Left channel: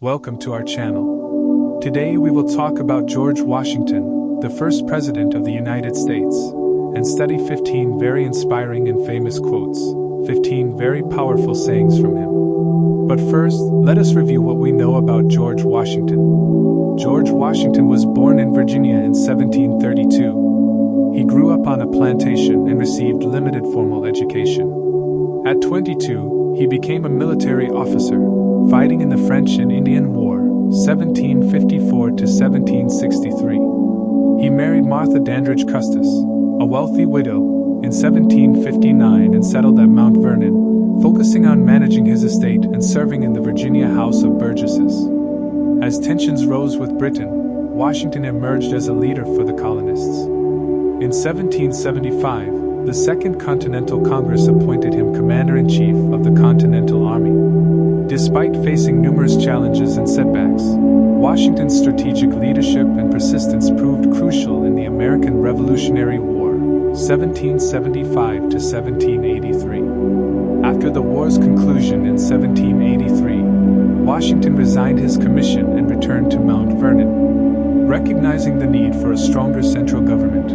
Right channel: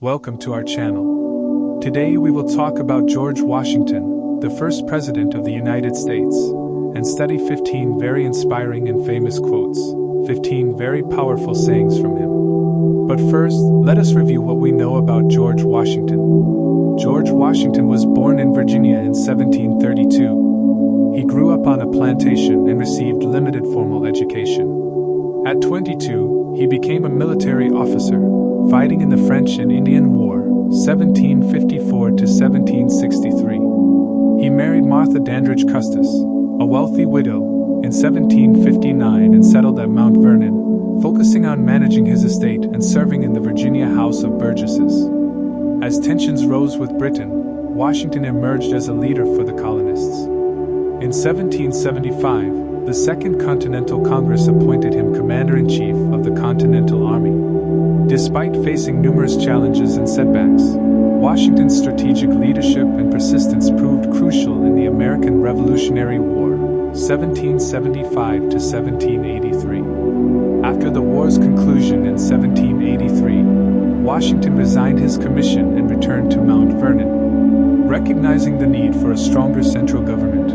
Welcome to our channel. Today we will talk about George Washington, the first President of the United States, and study 15 very inspiring and famous quotes, 15 very powerful sayings from him. But first, let us review what we know about George Washington. George Washington was born in Virginia in 1732. He grew up on a plantation and received limited formal education. At 22, he became a military officer, fighting in the French and Indian War, 1754 to 1763. He married Martha Dandridge Custis, a wealthy widow, in 1759 and settled at Mount Vernon, focusing on managing his estate and serving in the Virginia House of Burgesses. As tensions rose with Britain, Washington emerged as a leader for the colonists. In 1775, the Second Continental Congress appointed him Commander-in-Chief of the Continental Army. Despite facing numerous challenges and setbacks, Washington's strategic leadership and persistence proved crucial in the American Revolutionary War, 1775 to 1783. After the war's conclusion in 1783, Washington resigned his commission and returned to Mount Vernon. Recognizing the need for a stronger central government,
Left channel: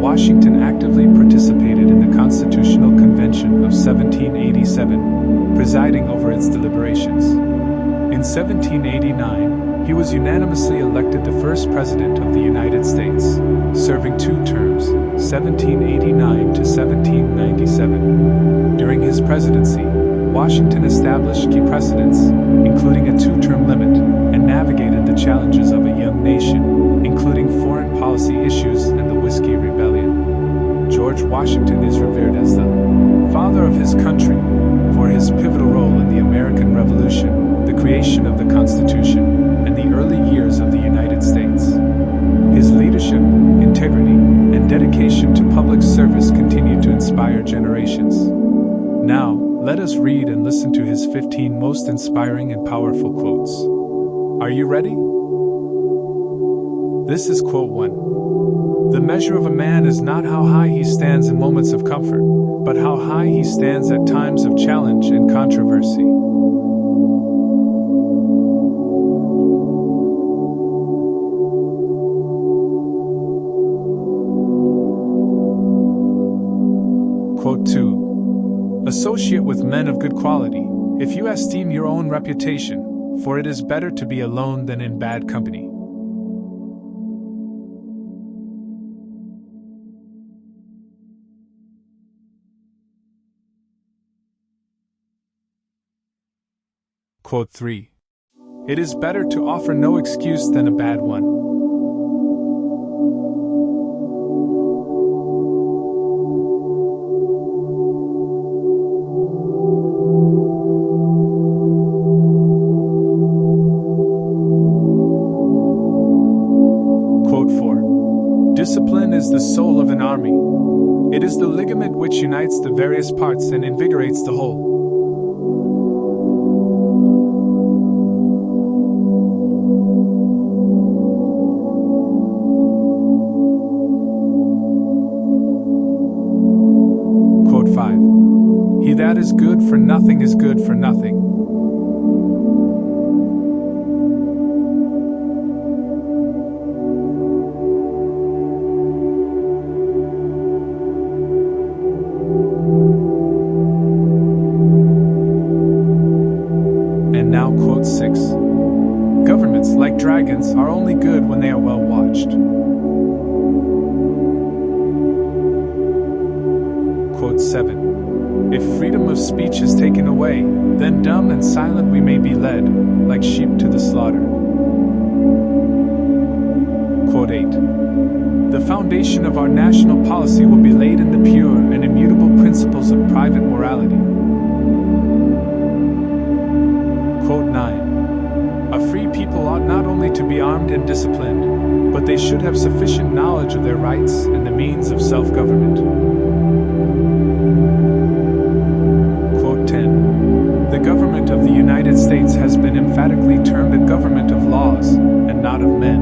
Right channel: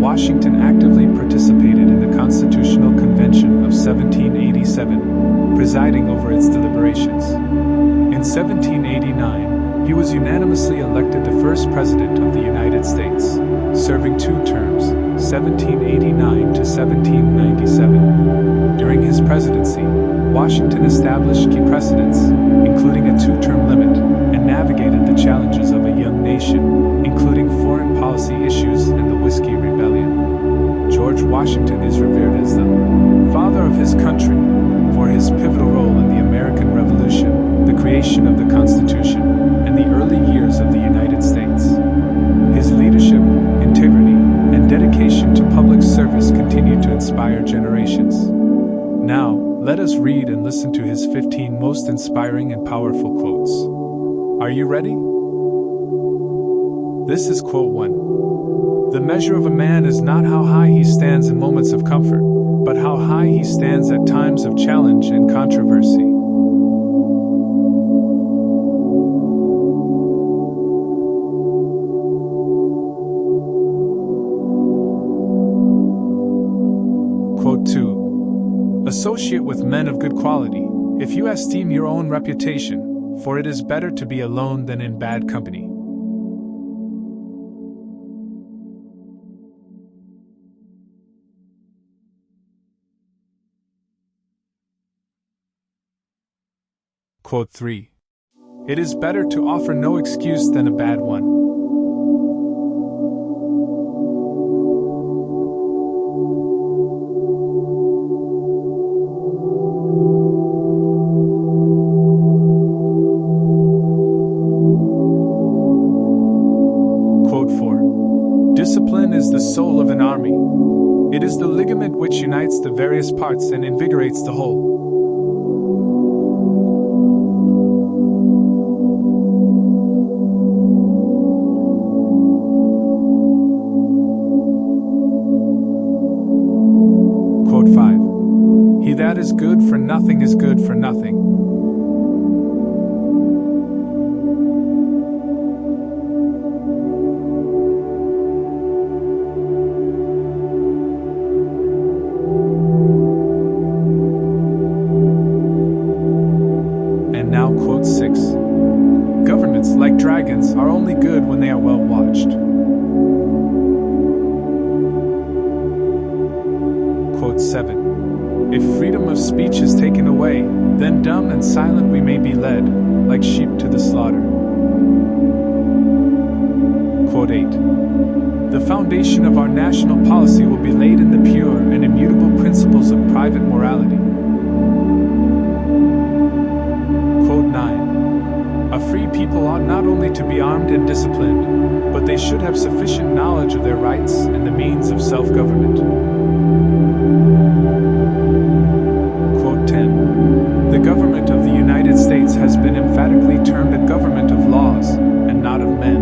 Washington actively participated in the Constitutional Convention of 1787, presiding over its deliberations. In 1789, he was unanimously elected the first President of the United States, serving 2 terms, 1789 to 1797. During his presidency, Washington established key precedents, including a 2-term limit, and navigated the challenges of a young nation, including foreign policy issues and the Whiskey Rebellion. George Washington is revered as the father of his country for his pivotal role in the American Revolution, the creation of the Constitution, and the early years of the United States. His leadership, integrity, and dedication to public service continue to inspire generations. Now, let us read and listen to his 15 most inspiring and powerful quotes. Are you ready? This is quote 1. The measure of a man is not how high he stands in moments of comfort, but how high he stands at times of challenge and controversy. Quote 2. Associate with men of good quality, if you esteem your own reputation, for it is better to be alone than in bad company. Quote 3. It is better to offer no excuse than a bad one. Quote 4. Discipline is the soul of an army. It is the ligament which unites the various parts and invigorates the whole. Quote 5. He that is good for nothing is good for nothing. And now quote 6. Governments, like dragons, are only good when they are well watched. Quote 7. If freedom of speech is taken away, then dumb and silent we may be led, like sheep to the slaughter. Quote 8. The foundation of our national policy will be laid in the pure and immutable principles of private morality. Quote 9. A free people ought not only to be armed and disciplined, but they should have sufficient knowledge of their rights and the means of self-government. Quote 10. The government of the United States has been emphatically termed a government of laws, and not of men.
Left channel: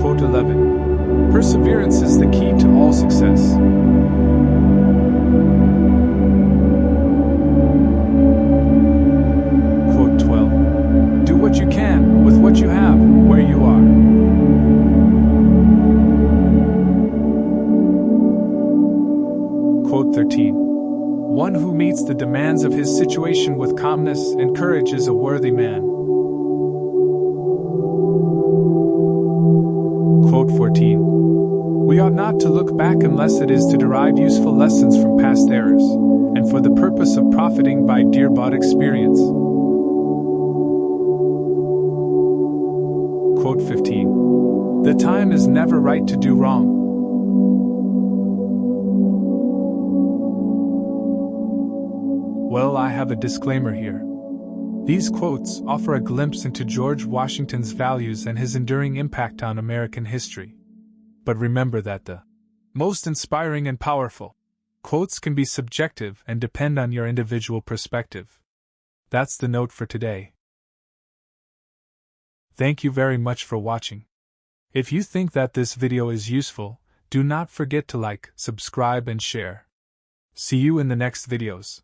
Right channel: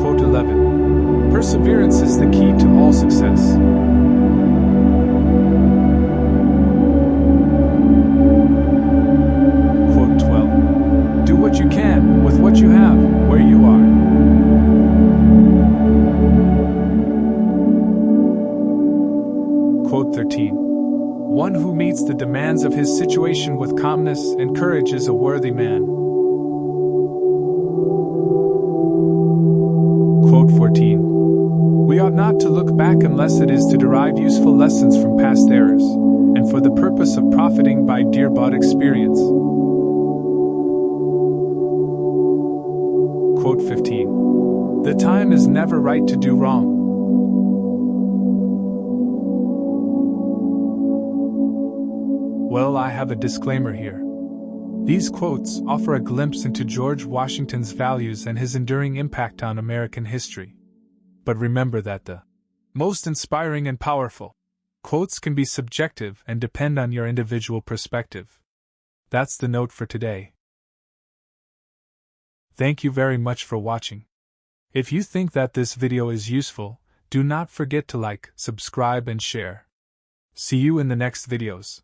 Quote 11. Perseverance is the key to all success. what you can, with what you have, where you are. Quote 13. One who meets the demands of his situation with calmness and courage is a worthy man. Quote 14. We ought not to look back unless it is to derive useful lessons from past errors, and for the purpose of profiting by dear-bought experience. Quote 15. The time is never right to do wrong. Well, I have a disclaimer here. These quotes offer a glimpse into George Washington's values and his enduring impact on American history. But remember that the most inspiring and powerful quotes can be subjective and depend on your individual perspective. That's the note for today. Thank you very much for watching. If you think that this video is useful, do not forget to like, subscribe and share. See you in the next videos.